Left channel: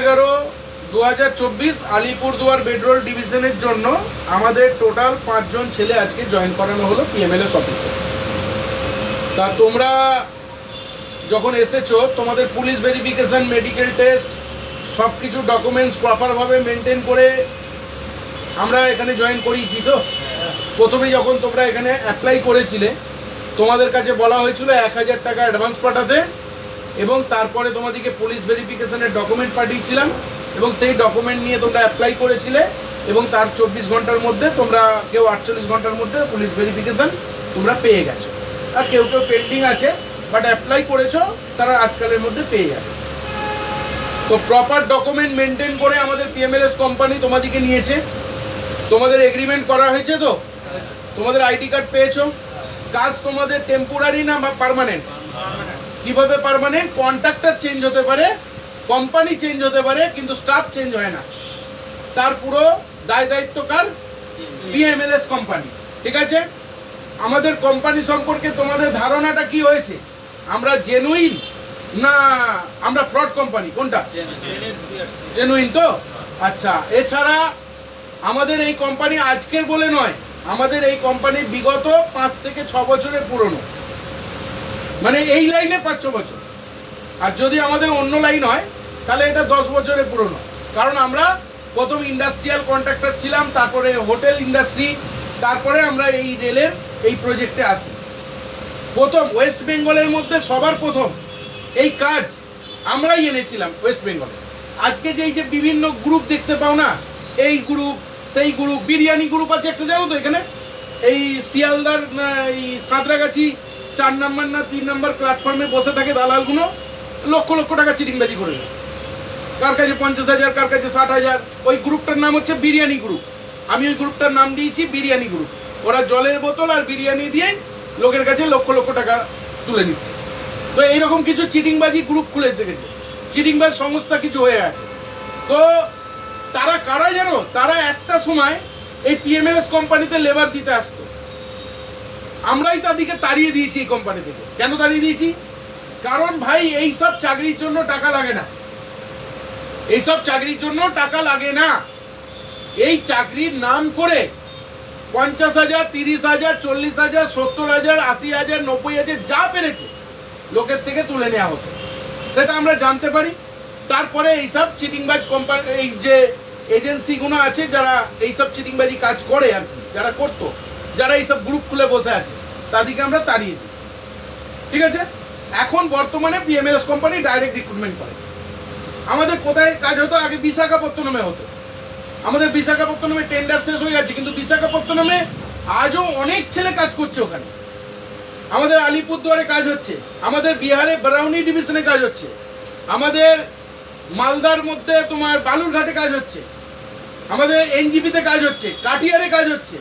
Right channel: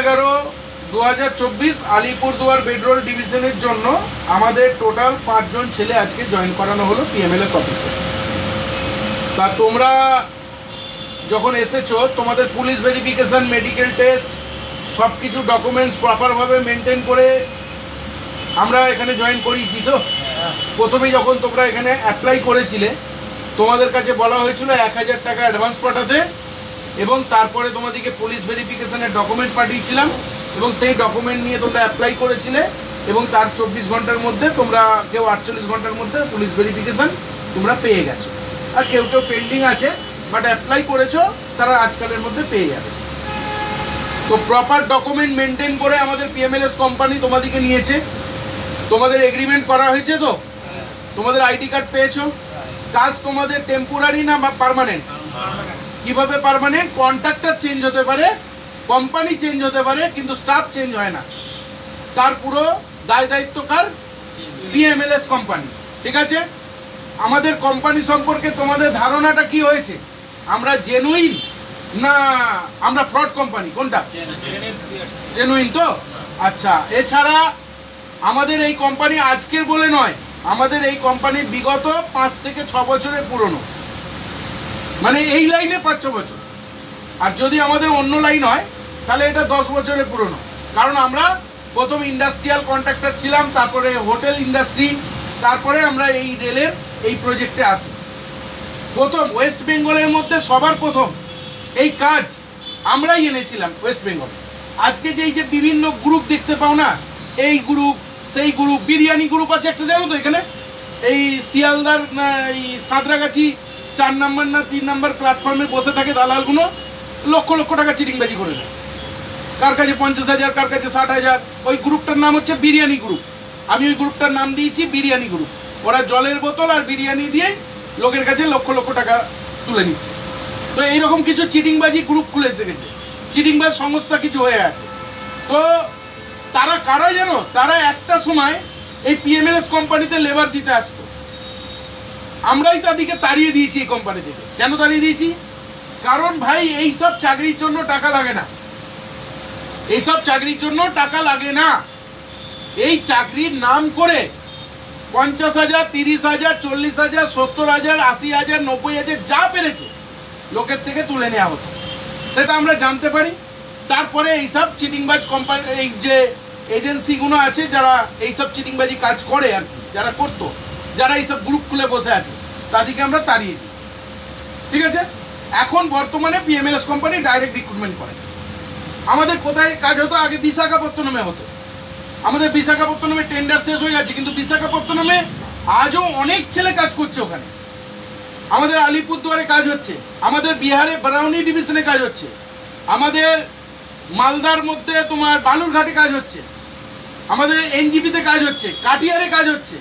15/11/2024 Alipurduar bedroll ডিভিশনের জন্য আমাদের টোটাল 5 জন ছেলে আজকে জয়েন করানো হলো পিএমএলএস অফিসে। তা তোমরা যখন এসেছো তোমাদের পুলিশ ভেরিফিকেশন, মেডিকেল টেস্ট সব কিছু ডকুমেন্টস প্রপারভাবে মেনটেন করে আমরা এখানে জয়েন করিয়েছি। তো প্রথমে যখন তোমরা এখানে অ্যাপ্লাই করেছিলে তোমাদের কাছে বলা হয়েছিল 1000 টাকা অ্যাডভান্স পাঠাতে, এবং তারপরে তোমাদেরকে পুলিশ ভেরিফিকেশনের ডকুমেন্ট পাঠিয়েছিলাম, এবং সেই ডকুমেন্ট নিয়ে তোমরা অ্যাপ্লাই করেছিলে, এবং তার 24 ঘন্টার মধ্যে তোমরা কেউ 48 ঘন্টার মধ্যে পুলিশ ভেরিফিকেশন তোমরা পেয়ে গেছো। আর কেউ কেউ পেন্ডিং আছে, বাট অ্যাপ্লাই করেছো, তারা আজকালের মধ্যে পেয়ে যাবে। তো প্রপার ডকুমেন্ট মেনটেন করে আমাদের পিএমএলএস কোম্পানি তোমাদেরকে নিয়েছে। তোমাদের এগ্রিমেন্ট করা হয়েছে, তো তোমাদের আইডি কার্ড পেয়েছো। কাজ তোমাদের টেম্পোরারি না পার্মানেন্ট? কিভাবে পার্মানেন্ট? কন্ট্রাক্টর চেঞ্জ হতে পারে, কোম্পানি চেঞ্জ হতে পারে, কিন্তু স্টাফ চেঞ্জ হয় না। তার পুরো দায় দায়িত্ব কার? PMLS company. ঠিক আছে? আমাদের কোম্পানি সম্পর্কে তোমাদের ধারণাটা কি হয়েছে? আমরা জেনুইন না আমরা ফ্রড কোম্পানি? কোনটা? জেনুইন। তো আচ্ছা, এছাড়া আমাদের এই কোম্পানি আজকের বলে নয়, আমাদের এই কোম্পানি বিগত 5 থেকে 6 বছরের পুরনো, মানে এই লাইনে 5-6 বছর। আর যদি আমাদের অন্য লাইন হয় তাহলে এটা 10 বছরের পুরনো। কারণ আমরা প্রথম ইন্ডাস্ট্রিয়াল কন্ট্রাক্টর ছিলাম, তারপরে হোটেল ইন্ডাস্ট্রি, তারপরে আমরা এই রেলের এই প্রজেক্টে আসি। প্রথম ওয়েস্ট বেঙ্গলের মধ্যে সবার প্রথম এই কাজ আমরাই এনেছিলাম ওয়েস্ট বেঙ্গলে। আজকে যে বিভিন্ন গ্রুপ দেখতে পাও না, এই গ্রুপ সেই গ্রুপ, বিরিয়ানি গ্রুপ আছে একটা, জানো তো এখানে এই শিয়ালদার এই সাঁতরাগাছি 4 নম্বর না 3 নম্বর প্ল্যাটফর্মে বসে থাকে দালালগুলো, লক্ষ লক্ষ টাকা চিটিংবাজি করে দেয়। কার কাছে 50,000, কার কাছে 60,000। ওই গ্রুপটার নাম হচ্ছে বিরিয়ানি গ্রুপ। আমি ওই গ্রুপটার নাম দিয়েছি বিরিয়ানি গ্রুপ। ওরা জলের বোতল আর বিরিয়ানি দিয়ে লোকের কাছে লক্ষ লক্ষ টাকা তুলে নিচ্ছে। তো এইরকম কিছু চিটিংবাজি গ্রুপ খুলে রেখেছে, চিটিংবাজ সংস্থা কিছু হয়ে আছে। তো তারা কারা জানো? তারা একটা সময় এই পিএমএলএস কোম্পানিতে লেবার দিতে আসতো, আমরাই তাদেরকে তাড়িয়ে দিয়েছি এই কোম্পানি থেকে। কেন তাড়িয়ে দিয়েছি? কারণ ভাই এইসব চাকরির জন্য টাকা লাগে না, এইসব চাকরির জন্য টাকা লাগে না। এই চাকরির নাম করে 50,000, 30,000, 40,000, 70,000, 80,000, 90,000 যা পেরেছে লোকের থেকে তুলে নেওয়া হতো, সেটা আমরা জানতে পারি। তারপরে এইসব চিটিংবাজ কোম্পানি, এই যে এজেন্সিগুলো আছে যারা এইসব চিটিংবাজি কাজ করে আর কি, যারা করতো, যারা এইসব গ্রুপ খুলে বসে আছে, তাদেরকে আমরা তাড়িয়ে দিই। ঠিক আছে? এখন বর্তমানে পিএমএলএস কোম্পানি ডাইরেক্ট রিক্রুটমেন্ট করে। আমাদের কোথায় কাজ হতো? আগে বিশাখাপত্তনমে হতো। আমাদের বিশাখাপত্তনমে টেন্ডার শেষ হয়ে গেছে, কিন্তু বিশাখাপত্তনমে আজও অনেক ছেলে কাজ করছে ওখানে। আমাদের আলিপুরদুয়ারে কাজ হচ্ছে, আমাদের বিহারে বারাউনি ডিভিশনে কাজ হচ্ছে, আমাদের মালদার মধ্যে তোমার বালুরঘাটে কাজ হচ্ছে, আমাদের এনজিপিতে কাজ হচ্ছে, কাটিয়ারে কাজ হচ্ছে,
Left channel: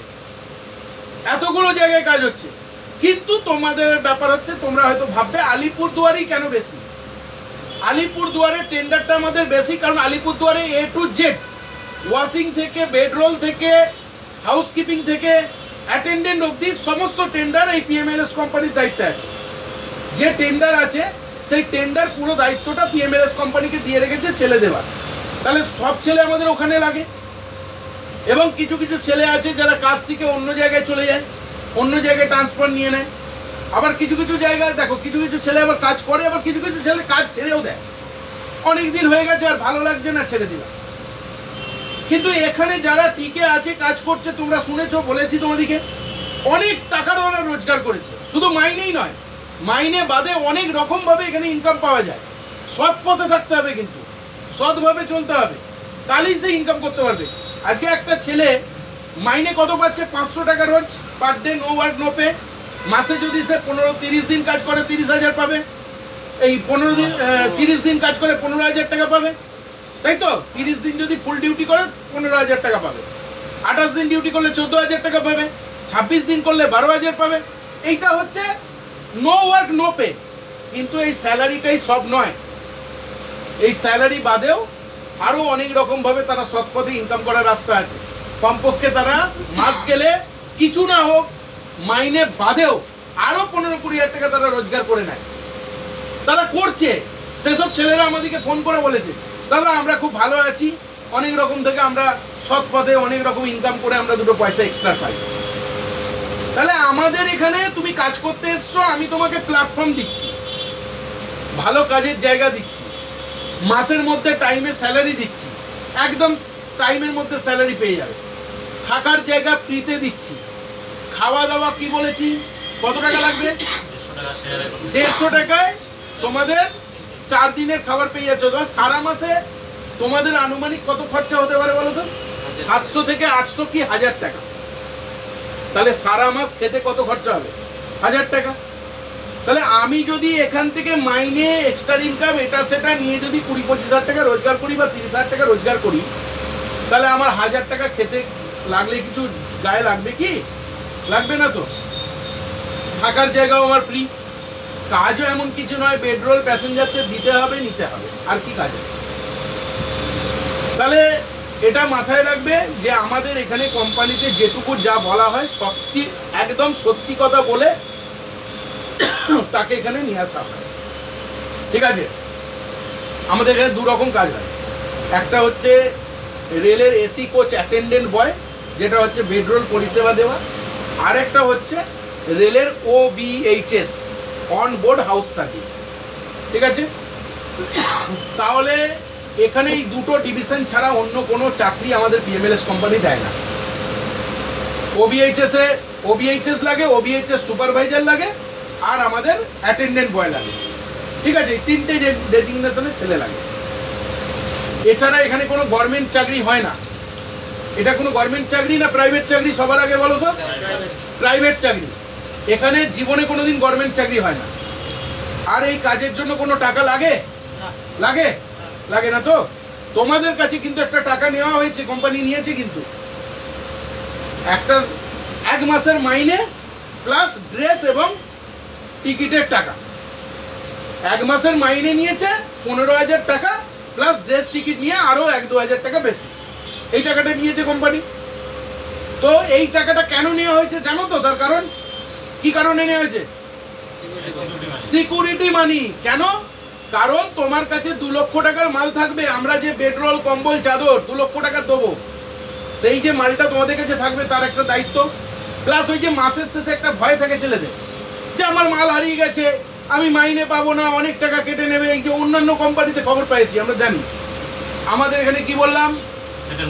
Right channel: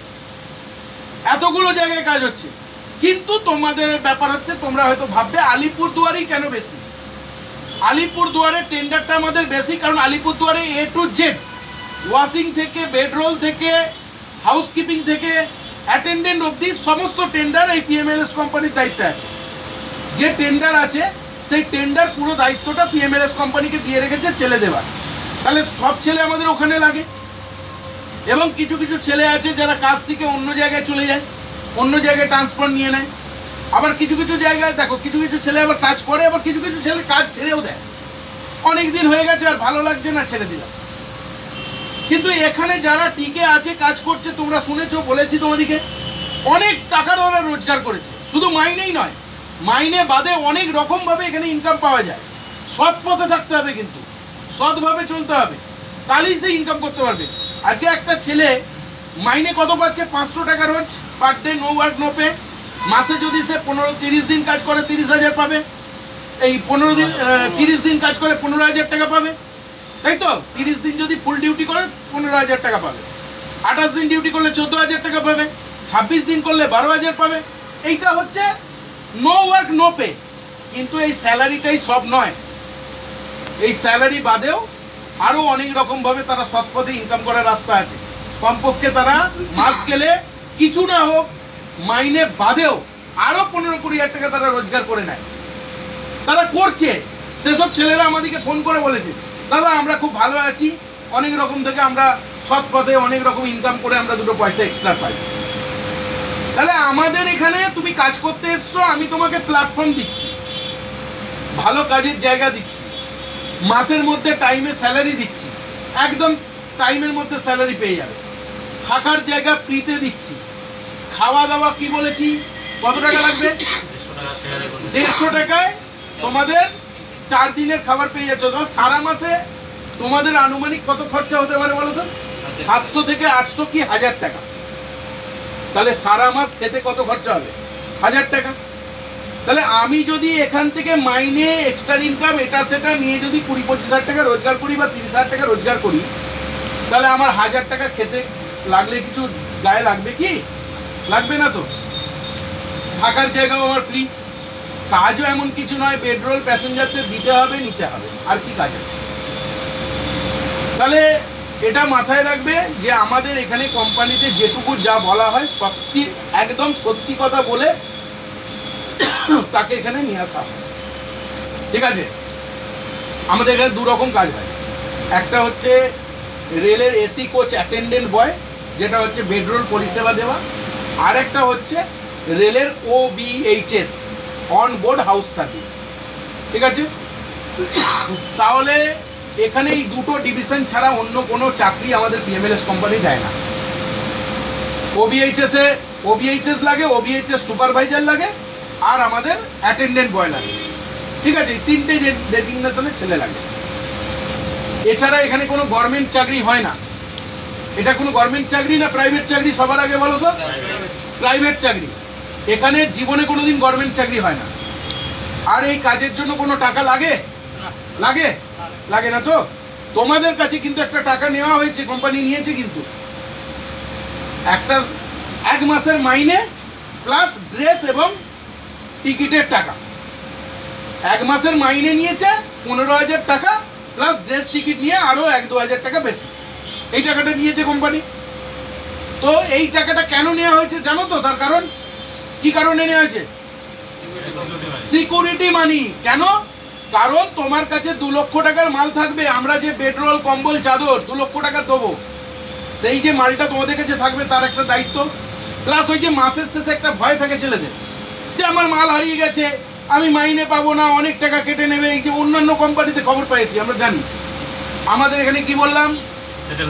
এতগুলো জায়গায় কাজ হচ্ছে। কিন্তু তোমাদের ব্যাপার হচ্ছে, তোমরা হয়তো ভাববে আলিপুরদুয়ারেই কেন বেশি। আলিপুরদুয়ারের টেন্ডারটা আমাদের বেশি, কারণ আলিপুরদুয়ারে A to Z, ওয়াশিং থেকে, বেডরোল থেকে, হাউসকিপিং থেকে, অ্যাটেন্ডেন্ট অবধি সমস্ত টেন্ডার এই পিএমএলএস কোম্পানির দায়িত্বে আছে। যে টেন্ডার আছে সেই টেন্ডার পুরো দায়িত্বটা পিএমএলএস কোম্পানিকে দিয়ে রেখেছে ছেলে দেওয়ার। তাহলে সব ছেলে আমাদের ওখানে লাগে, এবং কিছু কিছু ছেলে আছে যারা কাজ শিখে অন্য জায়গায় চলে যায়, অন্য জায়গায় ট্রান্সফার নিয়ে নেয়। আবার কিছু কিছু জায়গায় দেখো, কিছু কিছু ছেলে আবার কাজ করে, আবার কিছু কিছু ছেলে কাজ ছেড়েও দেয়। অনেক দিন হয়ে গেছে আর ভালো লাগছে না, ছেড়ে দিলাম। কিন্তু এখানে যারা টিকে আছে, কাজ করছে, তোমরা শুনেছো, বলেছি তোমাদেরকে, অনেক টাকার ওরা রোজগার করেছে। শুধু মাইনেই নয়, মাইনে বাদে অনেক রকম ভাবে এখানে ইনকাম পাওয়া যায়। সৎ পথে থাকতে হবে, কিন্তু সৎভাবে চলতে হবে, তাহলেই সে ইনকাম করতে পারবে। আজকে একটা ছেলে মাইনে কত পাচ্ছে? 500 টাকা রোজ, per day, no work no pay. মাসে যদি সে 30 দিন কাজ করে 30,000 পাবে। এই 30 দিন কাজ করে 15,000 টাকা পাবে, তাই তো? 30 দিন যদি ফুল ডিউটি করে 15,000 টাকা পাবে, 28 দিন ডিউটি করলে 14,000 টাকা পাবে, 26 দিন করলে 12,000 পাবে। এইটা হচ্ছে নো ওয়ার্ক নো পে। কিন্তু এই স্যালারিটাই সব নয়, এই স্যালারি বাদেও আরো অনেক রকম ভাবে তারা সৎ পথে ইনকাম করার রাস্তা আছে। কমপক্ষে তারা মাস গেলে কিছু না হোক মাইনে বাদেও আরো 15-20,000 টাকা তারা রোজগার করে নেয়। তারা করছে। সেসব ছেলেরা আমাদেরকে ফোন করে বলেছে দাদা আমরা খুব ভালো আছি, অনেক রকম থেকে আমরা সৎ পথে অনেক রকম ইনকাম করে আমরা দুটো পয়সা এক্সট্রা পাই। তাহলে আমাদের এখানে তুমি কাজ করতে এসছো, আমি তোমাকে প্ল্যাটফর্ম দিচ্ছি, ভালো কাজের জায়গা দিচ্ছি, মাসের মধ্যে টাইমে স্যালারি দিচ্ছি, একদম টাইমের মধ্যে স্যালারি পেয়ে যাবে, থাকার জায়গা ফ্রিতে দিচ্ছি, খাওয়া দাওয়া কি বলেছি কত টাকা লাগবে, 150 টাকায় তোমাদের 4 দিনের খাবার পেয়ে যাচ্ছ। সারা মাসে তোমাদের আনুমানিক কত খরচা হতে পারে বলো তো? 700 থেকে 800 কি 1000 টাকা। তাহলে সারা মাস খেতে কত খরচা হবে? 1000 টাকা। তাহলে আমি যদি এখান থেকে মাইনে এক্সট্রা ইনকাম এটা সেটা নিয়ে যদি 20-25 হাজার টাকা রোজগার করি বা 30 হাজার টাকা রোজগার করি, তাহলে আমার 1000 টাকা খেতে লাগলে কিছু গায়ে লাগবে কি? লাগবে না তো। থাকার জায়গাও আমার ফ্রি, কাজও এমন কিছু নয় পেট্রোল প্যাসেঞ্জারদের দিতে হবে নিতে হবে, আর কি কাজ আছে? তাহলে এটা মাথায় রাখবে যে আমাদের এখানে কোম্পানিতে যেটুকু যা বলা হয় সত্যি একদম সত্যি কথা বলে তাকে এখানে নিয়ে আসা হয়, ঠিক আছে? আমাদের এখানে 2 রকম কাজ হয়, একটা হচ্ছে রেলের এসি কোচ অ্যাটেন্ডেন্ট বয়, যেটা হচ্ছে বেডরোল পরিষেবা দেওয়া, আর একটা হচ্ছে রেলের OBHS on board house service, ঠিক আছে? তাহলে এখানে এই দুটো ডিভিশন ছাড়া অন্য কোনো চাকরি আমাদের PMLS কোম্পানি দেয় না। OBHS লাগে, OBHS সুপারভাইজার লাগে, আর আমাদের অ্যাটেন্ডেন্ট বয় লাগে, ঠিক আছে? এই 3টে ডেজিগনেশনের ছেলে লাগে। এছাড়া এখানে কোনো গভর্নমেন্ট চাকরি হয় না। এটা কোনো গভর্নমেন্ট চাকরি না প্রাইভেট চাকরি? সবার আগে বলো তো। প্রাইভেট চাকরি। এখানে জীবনে কোনোদিন গভর্নমেন্ট চাকরি হয় না। আর এই কাজের জন্য কোনো টাকা লাগে? লাগে? লাগে না তো। তোমাদের কাছে কিন্তু একটা টাকা নেওয়া হয়েছে, কোম্পানি নিয়েছে, কিন্তু একটা 1 মাসের মাইনে প্লাস ড্রেস এবং টিকিটের টাকা। 1 মাসের মাইনে নিয়েছে 15,000 টাকা প্লাস ড্রেস টিকিট নিয়ে আরো 1-2 হাজার টাকা বেশি, এই টাকাটা নিয়েছে কোম্পানি। তো এই টাকাটা কেন নেওয়া হয়েছে জানো তো? তার কারণ কি কারণে নেওয়া হয়েছে? সিকিউরিটি মানি। কেন? কারণ তোমার কাছে 2 লক্ষ টাকার মাল থাকবে, আমরা যে পেট্রোল কম্বল চাদর 2 লক্ষ টাকা দেবো, সেই যে মালটা তোমাদের কাছে থাকবে তার একটা দায়িত্ব, প্লাস ওই যে মাসের শেষে একটা ভয় থাকে ছেলেদের যে আমার মাল হারিয়ে গেছে, আমি মাইনে পাবো না, অনেক টাকা কেটে নেবে। এই যে অন্যান্য কোম্পানিতে খবর পেয়েছি আমরা জানি, আমাদের এখানে কি বললাম,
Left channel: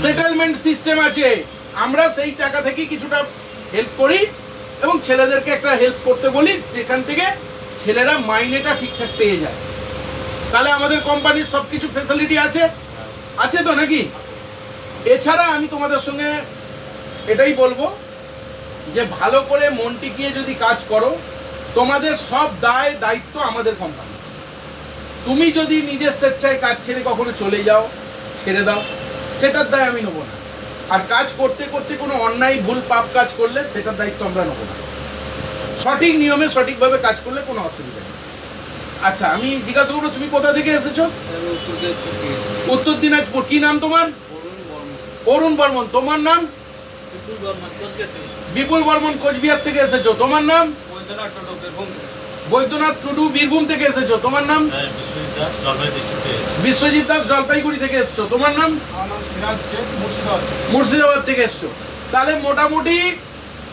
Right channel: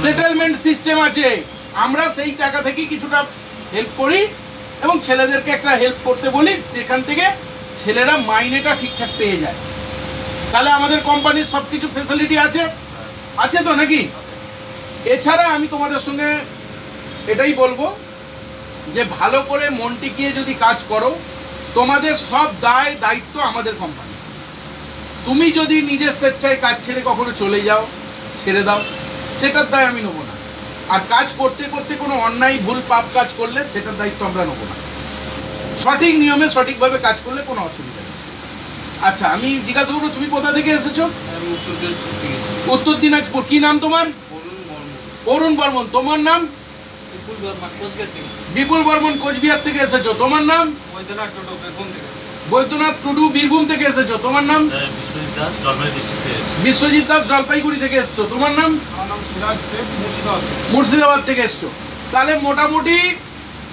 সেটেলমেন্ট সিস্টেম আছে। আমরা সেই টাকা থেকে কিছুটা হেল্প করি এবং ছেলেদেরকে একটা হেল্প করতে বলি, যেখান থেকে ছেলেরা মাইনেটা ঠিকঠাক পেয়ে যায়। তাহলে আমাদের কোম্পানির সবকিছু ফ্যাসিলিটি আছে, আছে তো নাকি? এছাড়া আমি তোমাদের সঙ্গে এটাই বলবো যে ভালো করে মন টিকিয়ে যদি কাজ করো, তোমাদের সব দায় দায়িত্ব আমাদের কোম্পানি। তুমি যদি নিজের স্বেচ্ছায় কাজ ছেড়ে কখনো চলে যাও, ছেড়ে দাও, সেটার দায় আমি নেবো না। আর কাজ করতে করতে কোনো অন্যায় ভুল পাপ কাজ করলে সেটার দায়িত্ব আমরা নেবো না। সঠিক নিয়মে সঠিকভাবে কাজ করলে কোনো অসুবিধা নেই। আচ্ছা, আমি জিজ্ঞাসা করবো তুমি কোথা থেকে এসেছো? উত্তর দিনাজপুর। কি নাম তোমার? অরুণ বর্মন। তোমার নাম? বিপুল বর্মন, কোচবিহার থেকে এসেছো। তোমার নাম? বৈদ্যনাথ টুডু, বীরভূম থেকে এসেছো। তোমার নাম? বিশ্বজিৎ দাস, জলপাইগুড়ি থেকে এসছো। তোমার নাম? মুর্শিদাবাদ থেকে এসছো। তাহলে মোটামুটি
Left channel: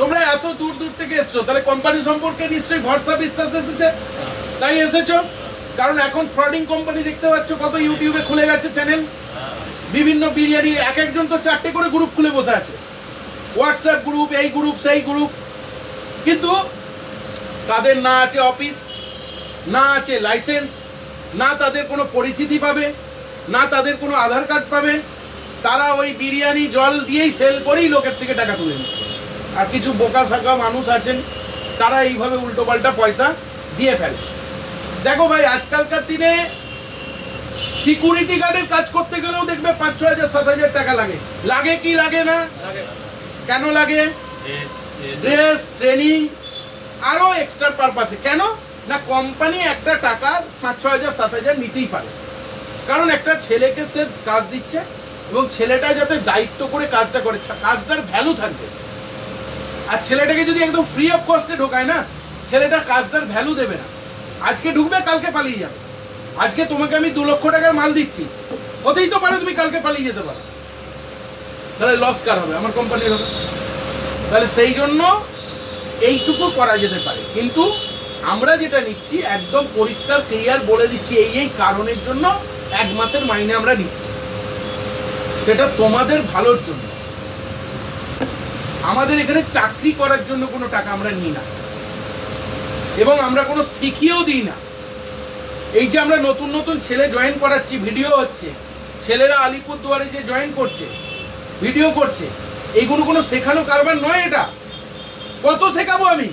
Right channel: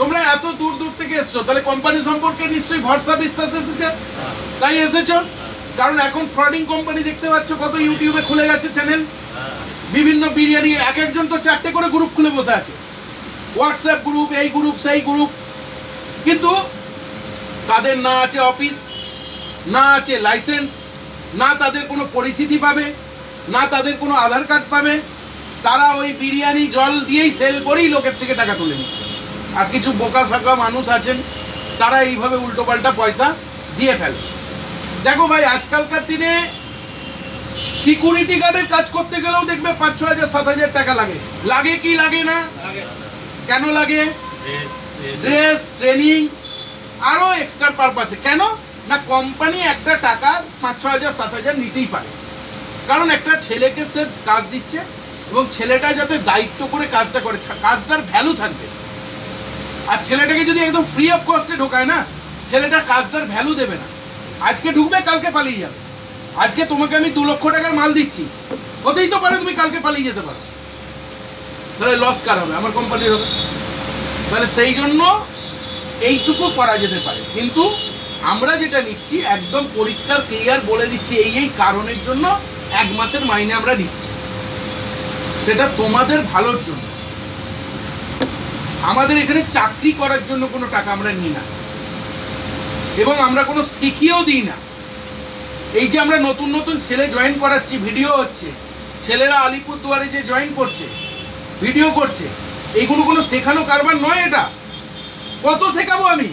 তোমরা এত দূর দূর থেকে এসছো, তাহলে কোম্পানি সম্পর্কে নিশ্চয়ই ভরসা বিশ্বাস এসেছে, তাই এসেছো। কারণ এখন ফ্রডিং কোম্পানি দেখতে পাচ্ছ কত ইউটিউবে খুলে গেছে চ্যানেল, বিভিন্ন বিরিয়ানি, এক একজন তো 4টে করে গ্রুপ খুলে বসে আছে, হোয়াটসঅ্যাপ গ্রুপ, এই গ্রুপ সেই গ্রুপ, কিন্তু তাদের না আছে অফিস, না আছে লাইসেন্স, না তাদের কোনো পরিচিতি পাবে, না তাদের কোনো আধার কার্ড পাবে। তারা ওই বিরিয়ানি জল দিয়েই সেল করেই লোকের থেকে টাকা তুলে নিচ্ছে। আর কিছু বোকা শাকা মানুষ আছেন, তারা এইভাবে উল্টোপাল্টা পয়সা দিয়ে ফেলে। দেখো ভাই, আজকালকার দিনে সিকিউরিটি গার্ডের কাজ করতে গেলেও দেখবে 5-6 হাজার 7 হাজার টাকা লাগে। লাগে কি লাগে না? কেন লাগে? ড্রেস, ট্রেনিং, আরো এক্সট্রা পারপাসে। কেন না, কোম্পানি একটা টাকা 5-6 হাজার 7 হাজার নিতেই পারে, কারণ একটা ছেলেকে সে কাজ দিচ্ছে এবং ছেলেটা যাতে দায়িত্ব করে কাজটা করে, কাজটার ভ্যালু থাকবে। আর ছেলেটাকে যদি একদম ফ্রি অফ কস্টে ঢোকায় না, ছেলেটা কাজটার ভ্যালু দেবে না। আজকে ঢুকবে, কালকে পালিয়ে যাবে। আজকে তোমাকে আমি 2 লক্ষ টাকার মাল দিচ্ছি, হতেই তো পারে তুমি কালকে পালিয়ে যেতে পারো, তাহলে লস কার হবে? আমার কোম্পানির হবে। তাহলে সেই জন্য এইটুকু করা যেতে পারে, কিন্তু আমরা যেটা নিচ্ছি একদম পরিষ্কার ক্লিয়ার বলে দিচ্ছি, এই কারণের জন্য 1 মাসের মাইনে আমরা নিচ্ছি, সেটা তোমাদের ভালোর জন্য। আমাদের এখানে চাকরি করার জন্য কোনো টাকা আমরা নিই না, এবং আমরা কোনো শিখিয়েও দিই না। এই যে আমরা নতুন নতুন ছেলে জয়েন করাচ্ছি, ভিডিও হচ্ছে, ছেলেরা আলিপুরদুয়ারে যে জয়েন করছে, ভিডিও করছে, এইগুলো কোনো শেখানো কারবার নয়। এটা কত শেখাবো আমি?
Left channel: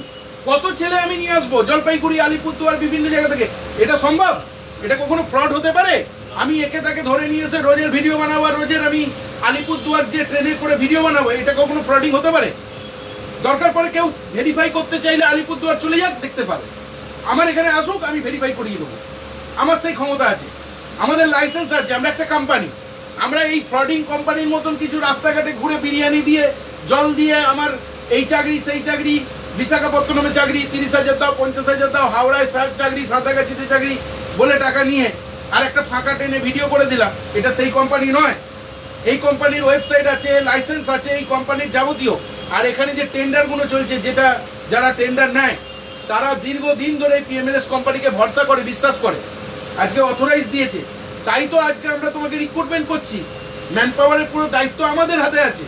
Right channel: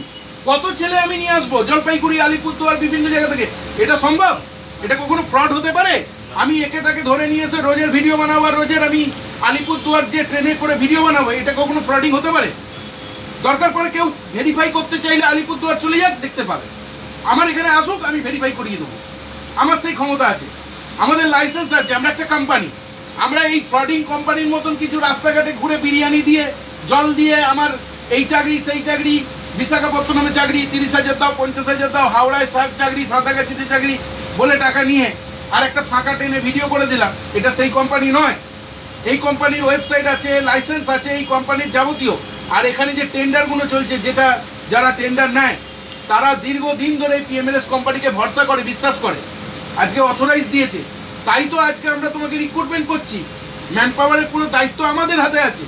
কত ছেলে আমি নিয়ে আসবো জলপাইগুড়ি, আলিপুরদুয়ার, বিভিন্ন জায়গা থেকে? এটা সম্ভব? এটা কখনো ফ্রড হতে পারে? আমি একে তাকে ধরে নিয়ে এসে রোজের ভিডিও বানাবো, আর রোজের আমি আলিপুরদুয়ার যে ট্রেনে করে ভিডিও বানাবো, এটা কখনো ফ্রডিং হতে পারে? দরকার পড়ে কেউ ভেরিফাই করতে চাইলে আলিপুরদুয়ার চলে যাক, দেখতে পাবে। আমার এখানে আসুক, আমি ভেরিফাই করিয়ে দেবো, আমার সেই ক্ষমতা আছে, আমাদের লাইসেন্স আছে, আমরা একটা কোম্পানি। আমরা এই ফ্রডিং কোম্পানির মতন কিছু রাস্তাঘাটে ঘুরে বিরিয়ানি দিয়ে, জল দিয়ে, আমার এই চাকরি সেই চাকরি, বিশাখাপত্তনমে চাকরি, 30,000 দাও, 50,000 দাও, হাওড়ায় চাকরি, সাঁতরাগাছিতে চাকরি বলে টাকা নিয়ে আর একটা ফাঁকা ট্রেনে ভিডিও করে দিলাম, এটা সেই কোম্পানি নয়। এই কোম্পানির ওয়েবসাইট আছে, লাইসেন্স আছে, এই কোম্পানির যাবতীয়। আর এখানে যে টেন্ডারগুলো চলছে, যেটা যারা টেন্ডার নেয় তারা দীর্ঘদিন ধরে পিএমএলএস কোম্পানিকে ভরসা করে, বিশ্বাস করে, আজকে অথরাইজ দিয়েছে, তাই তো আজকে আমরা তোমাকে রিক্রুটমেন্ট করছি। ম্যান পাওয়ারের পুরো দায়িত্ব আমাদের হাতে আছে।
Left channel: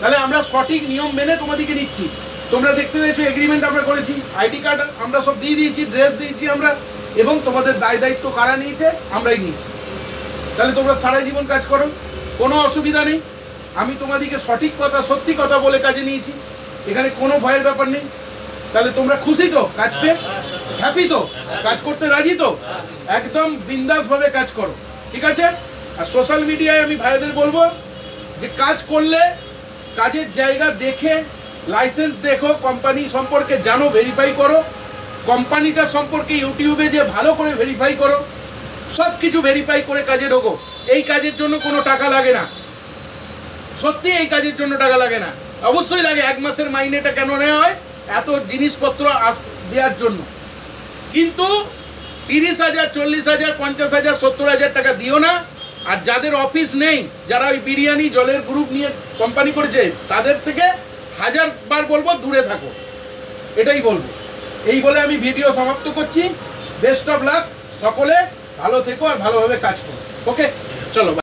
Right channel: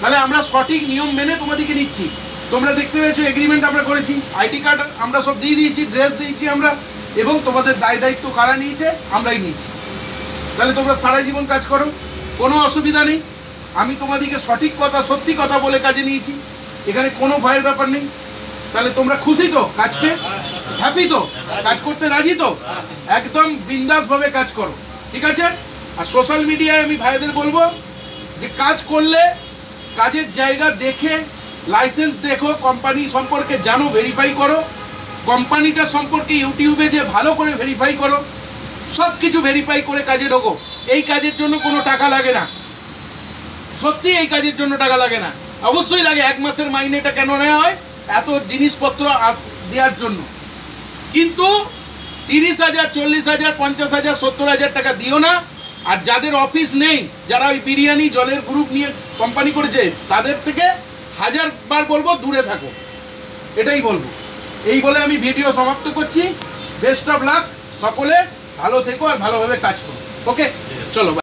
তাহলে আমরা সঠিক নিয়ম মেনে তোমাদেরকে নিচ্ছি। তোমরা দেখতে পেয়েছো এগ্রিমেন্ট আমরা করেছি, আইডি কার্ড আমরা সব দিয়ে দিয়েছি, ড্রেস দিয়েছি আমরা, এবং তোমাদের দায়িত্ব কারা নিয়েছে? আমরাই নিয়েছি। তাহলে তোমরা সারা জীবন কাজ করো, কোনো অসুবিধা নেই। আমি তোমাদেরকে সঠিক কথা, সত্যি কথা বলে কাজে নিয়েছি, এখানে কোনো ভয়ের ব্যাপার নেই। তাহলে তোমরা খুশি তো? কাজ পেয়ে হ্যাপি তো? কাজ করতে রাজি তো? একদম বিন্দাস ভাবে কাজ করো, ঠিক আছে? আর সোশ্যাল মিডিয়ায় আমি ভাইদের বলবো যে কাজ করলে কাজের জায়গা দেখে, লাইসেন্স দেখো, কোম্পানি সম্পর্কে জানো, ভেরিফাই করো, কোম্পানিটা সম্পর্কে ইউটিউবে যে ভালো করে ভেরিফাই করো, সব কিছু ভেরিফাই করে কাজে ঢোকো। এই কাজের জন্য কোনো টাকা লাগে না, সত্যি এই কাজের জন্য টাকা লাগে না। অবশ্যই লাগে, 1 মাসের মাইনেটা কেন নেওয়া হয়? এত জিনিসপত্র দেওয়ার জন্য। কিন্তু 30,000, 40,000, 50,000, 70,000 টাকা দিও না। আর যাদের অফিস নেই, যারা ওই বিরিয়ানি জলের গ্রুপ নিয়ে কোম্পানি করেছে, তাদের থেকে 1000 বার বলবো দূরে থাকো, এটাই বলবো। এই বলে আমি ভিডিও সমাপ্ত করছি। বেস্ট অফ লাক, সকলে ভালো থেকো আর ভালোভাবে কাজ করো। ওকে, চলো।